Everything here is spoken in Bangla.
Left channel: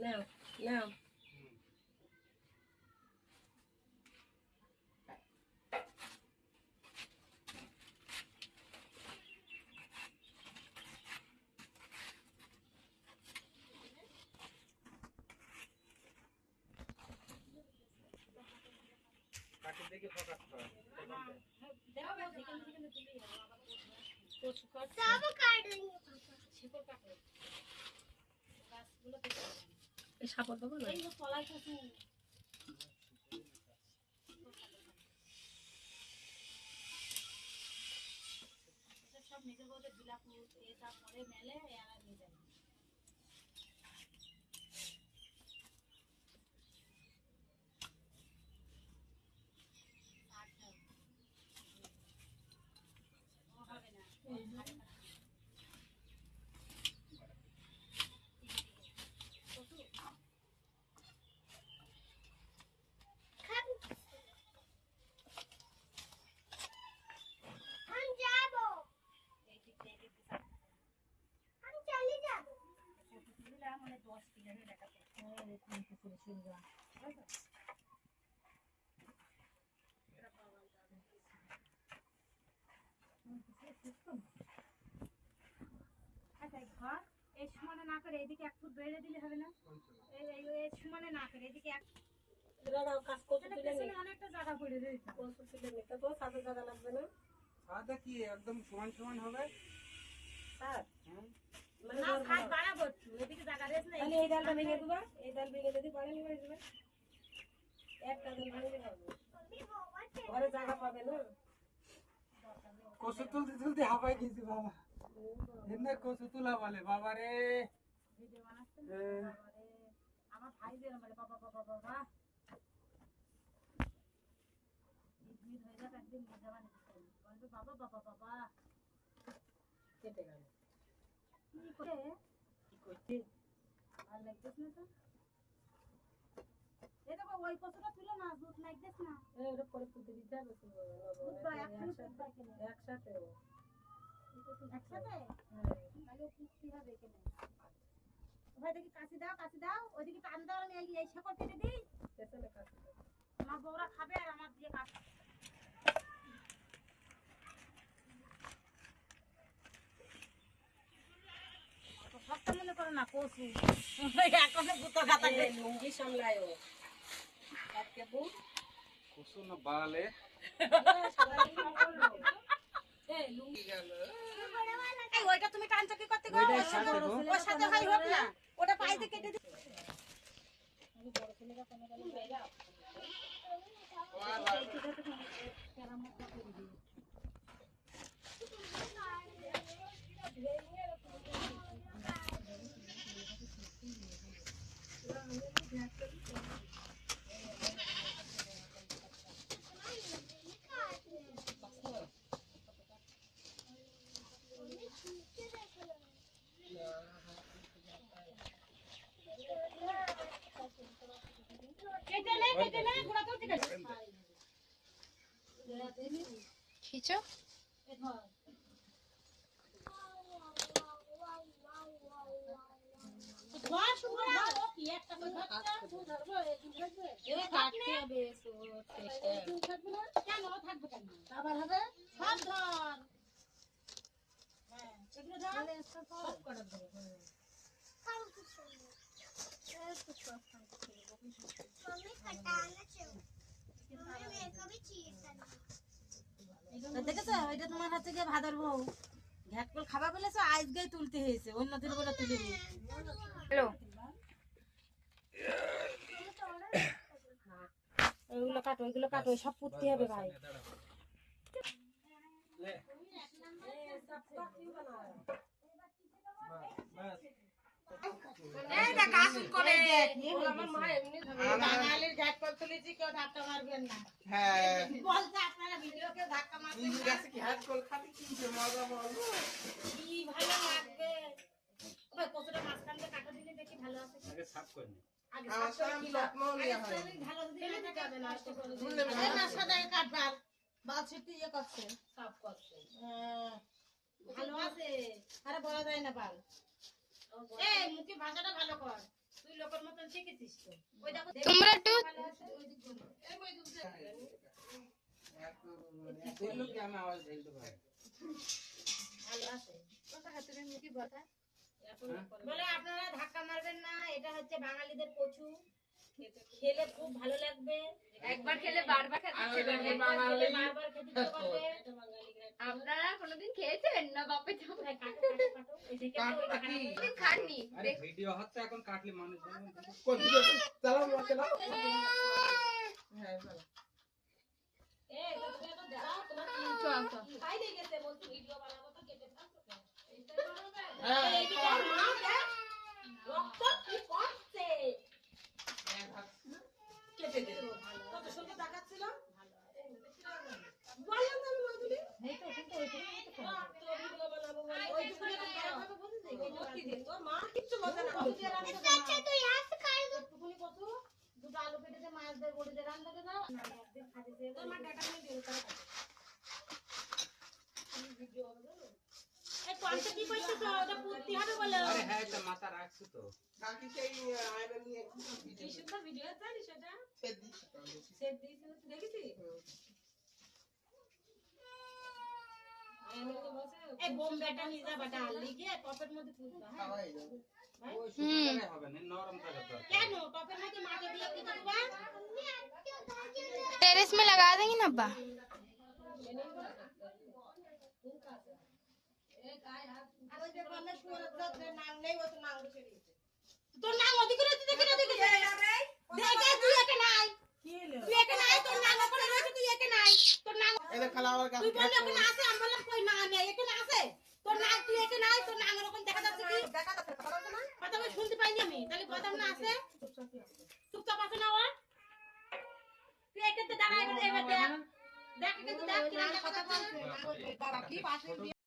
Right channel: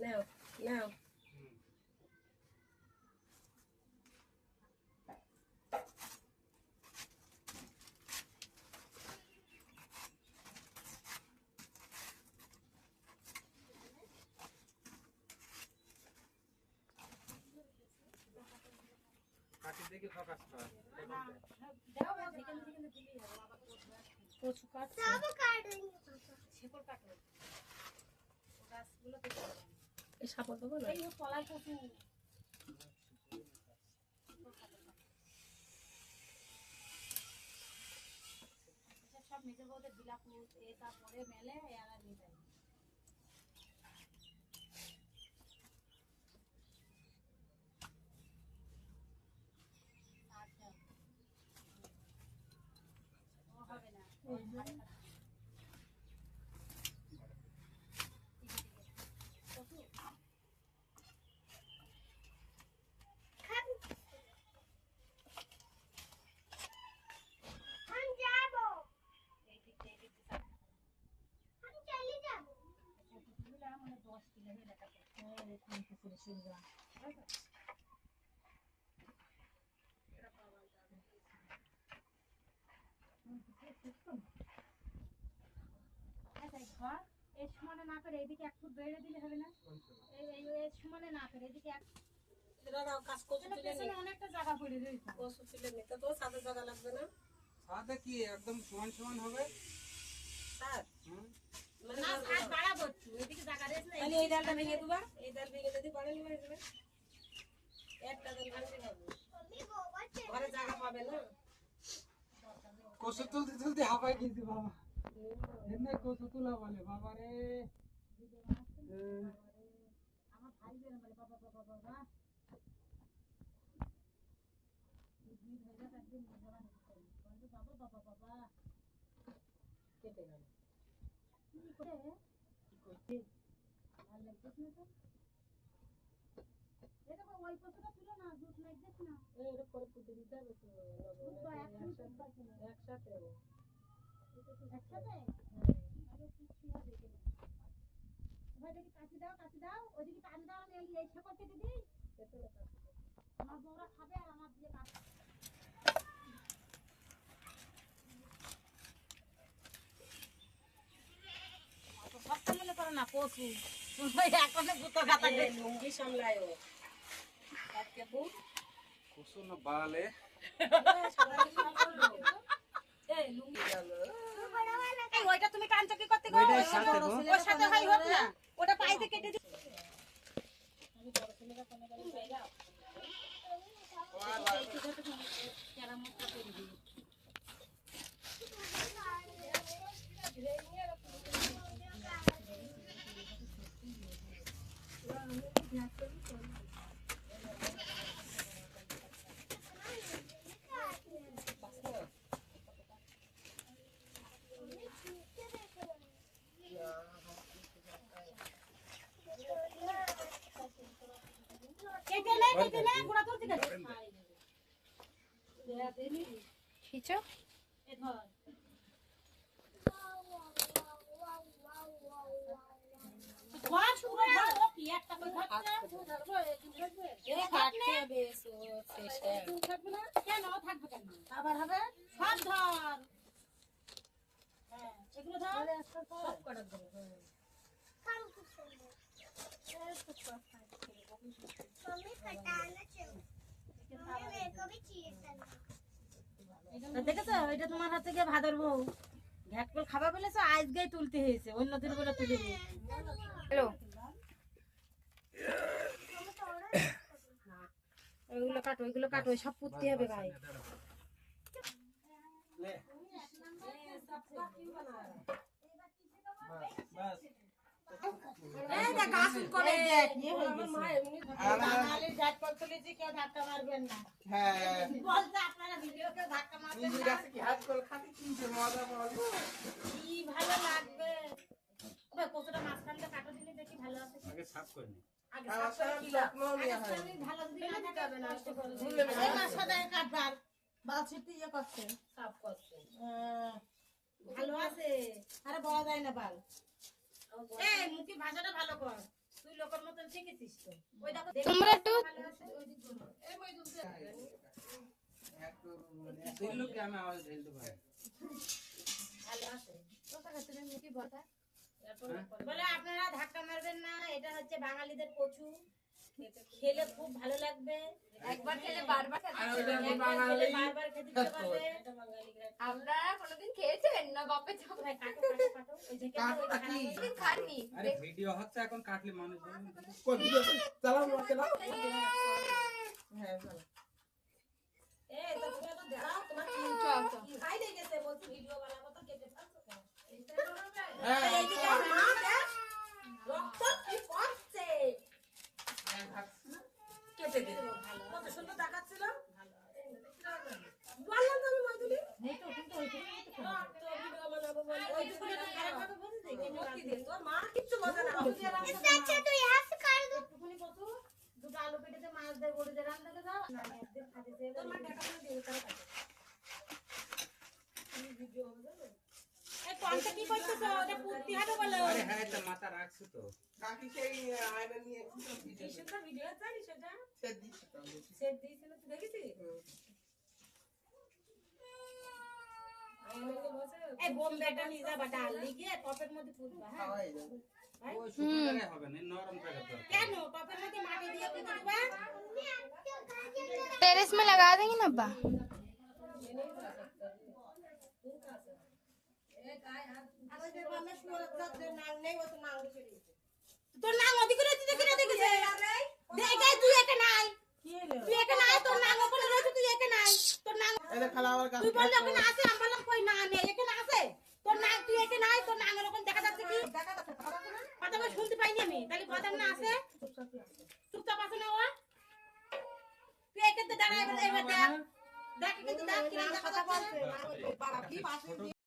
নাও নাও কাটি দেখে ফোকাস কর দাও ও এখানে দিলেই হবে আবার কচু কাট সব কাটুন শেকড় কাটো গাছগুলো কেটে এই সাপোর্ট দেবো না এই তলায় কচু সব নিজের বউদের বিলাপু এটা পরে মেলে এরা নিয়ে যাবে ও হবে না हम जाबो हम चली जाबो মানে 10 কিলো হয়ে লেখা আচ্ছা ঘর এই সমানে না করে এইদিকে এক ফুট বেড়ে দিলে হবে না এই সমানে না করে এইদিকে এক দাও কাজ কচু তুলে নে পেছনে অনেকটা জায়গা পড়ে রয়েছে কচু তুলে নে তো সাদা জায়গা লাগবে না সাদা কি একদম সমান সমান হবে স্যার মানে না সাইজ বাড়াবো একটু এদিকে জায়গা রয়েছে না তাহলে এই ডালটা ভেঙে দিবা এই ডাল ভেঙে যদি বাড়ালি হয়ে যাবে একটা ডাল ভাঙলে হবে मम्मी बाबा ঘরে জায়গা পাবে না কসু তুলতে তুলতে হাঁপাই গেছি বাবা এমনি কসু তুলা বলে বাবা রে ভিডিও বানাচ্ছে না বাবারে আমার ভাই যেরকম বলে বাবা বাবা বাবা এই ভিড় হয়ে যাক একদিন নিয়ে যাওয়া নিতে বলবে বাবা বাবা বাবা কেটে গেল কি করে কি করতে আর লাগতেছ না তো এই দেখো ওই কতটা তুলো না দুধ লাগতেছ না ওটা পরে পুঁতে দিতে হবে তো বুধবার এখনই বুধবার কিনে একসাথে একসাথে তাহলে পুষ্টি হবে এখানে ভাই দেখি কাশি দাও ওইদিকে টান দাও আমি এই শেকড় কেটে দিই পেছনে কাজ আমার বউরা খাবে আর আমার দিয়ে কাজ কষ্ট মনে করো না পশু এখনো কুতো খাতা লুঙ্গি সামলায় ও কসু না বালে এই লুঙ্গি গেল এই ওইটা তুমি টানছো কি করতে গো ওইটার সাথে গো। ওর সাথে ভাই হোক না ওটা পাইতে কেটে দিই কেটে নে গুড়া করতে গেছে খিচো এ ধর ধর শুরু ধর ও কি একটা করে ধরবো এরে কাটতে হবে এসো শেষে থাকবে না কেন থাকবে কেন আবার হবে সব ধর হ্যাঁ এগুলো ধর সব কটা ধরে काम कुछ नहीं मम्मी कटाना चाहिए मम्मी मेरे को भी चाहिए था দেখেছো এটা তোমার হচ্ছে গিয়ে ভাদর বউ ঘ্যাটকল খাবার বলেছো আজকেই তুলতে হয়েছে অন্য দিন বলে তুলে নি হ্যালো ওইগুলো কাটো সব পুঁততে হবে ভাই ले बस এই দেখ আসুন করে মা এমনি বাঙালির ঝাটপট তুলেছি কেউ ধাক্কা মারবেন না হ্যাঁ বলছে আপনারা ভিডিও কেউ ধাক্কা মারবেন ইন্দু না গাছে কি হাত কল খাতে কি যে মজা বলবো কি ভালো লাগবে ওই কতটা মাঝখানটা কাটা দিলে দেখি ভালো আছে আগে সাফ করে নি আগে আমার সাফ করে সাথে দিবা। যত্ন আগে নেওয়া হয় সামনে ভালো দিলে না যাবে না নষ্ট করে দিবে। ভুললে এই মাছটা দেখে কাট বাল বাল ছিটতে ইয়ে করছে সাফ করছে ভালো আছে আরে বলা যায় না বাল এই মুখে ভাষাটা ভালো কর তুই লোকের মতন শিখেছিস তো। ওই দেখো তোমরা একটু দিল্লুকে আমি আওয়াজ দিতে পারি। ভালো আছে। কথা খাতে দেন কি কথা বলে আপনারা ধাক্কা মারবেন না, এটা হচ্ছে বাঙালিদের কচু, খেলে খুব ভালো লাগবে, একবার খেলে বারবার খেতে আর ইচ্ছে ওইটা করবে। বাঙালি বারবার খেতে ইচ্ছে করবে। আপনারা কোনোদিন খেয়েছেন না বাপে চাপ ভাই কাটো কাটো কাটো, ওই যে কেটে ওই খারাপ হয়ে কোনোদিন খাননি আরে ভিডিও হচ্ছে এখন কাটলে মানুষ বলবে এই তো তুমি এখন যাও, তোমার কি খাই দিয়ে গেছে, বলছি ভিডিও বানাবো তো কেটে ফেলছো কেন? এইটা করবে? এই যে তোর মা দেখ, রক্ত কি করছে? কেটে দে। কত সুন্দর দেখাচ্ছিল। বললাম তো আমি মইদুলি। রক্ত ভিডিও বানাবো বলে। ওইটুকুনি তো খারাপ হবে বলছি, ভিডিও বানাবো। তোর মা কিচ্ছু বোঝে না। अच्छा तो यहाँ से कर दो একটুখানি কত দুটো আলু পেটেছে মাছ দিয়ে বড়ি দিয়ে রান্না করে দাও না একদিন খাতে দিয়ে তোর মা টাকা নিয়ে দিয়ে করে কাটে। ভিডিও হবে জানো? এই কোনটা কি করতেছ ওটা পুঁততে হবে বলো আরে হ্যাঁ এটা মাথা রাখছি তো এই সুন্দর ভিডিও জানিস সেটা? সেট দিয়েছিল, তুই দেখেছিস? আমাকে বলছে, এই বোম্বেটা নিয়ে যাবা ডাল লিখে টপের মধ্যে পুঁতবা হ্যাঁ ওই শুকনো হবে না নরম থাকে তো কেন টপের মধ্যে মাটি দিয়ে পুঁতে দিবা टेरेस में लगा देंगे ना अब्बा আর ওই যে বললে সুরত যাত্রার নাম নেই ও তো নাম ছেড়ে দিয়েছে তোর নাম অধিক রয়েছে দেখে না দেখেছে দেখে তুই একে নাই তুই একে নাই তোর নাম ওখানে রয়েছে তুই একে নাই তোর নাম তুই বললি ওখানে আছে আমি বললাম কই না নেই এখানে আছে তোর নাম তুই একে নাই তোর নাম ওরকম দেখা যাচ্ছে কি কথা বলে শুনতে পাইনি আমি তাহলে কথা না আছে চুপচাপ আছে না ও তুই একে তো দাঁড়া এবার দেখ দেখ কিন্তু দেখ কি কথা বলছে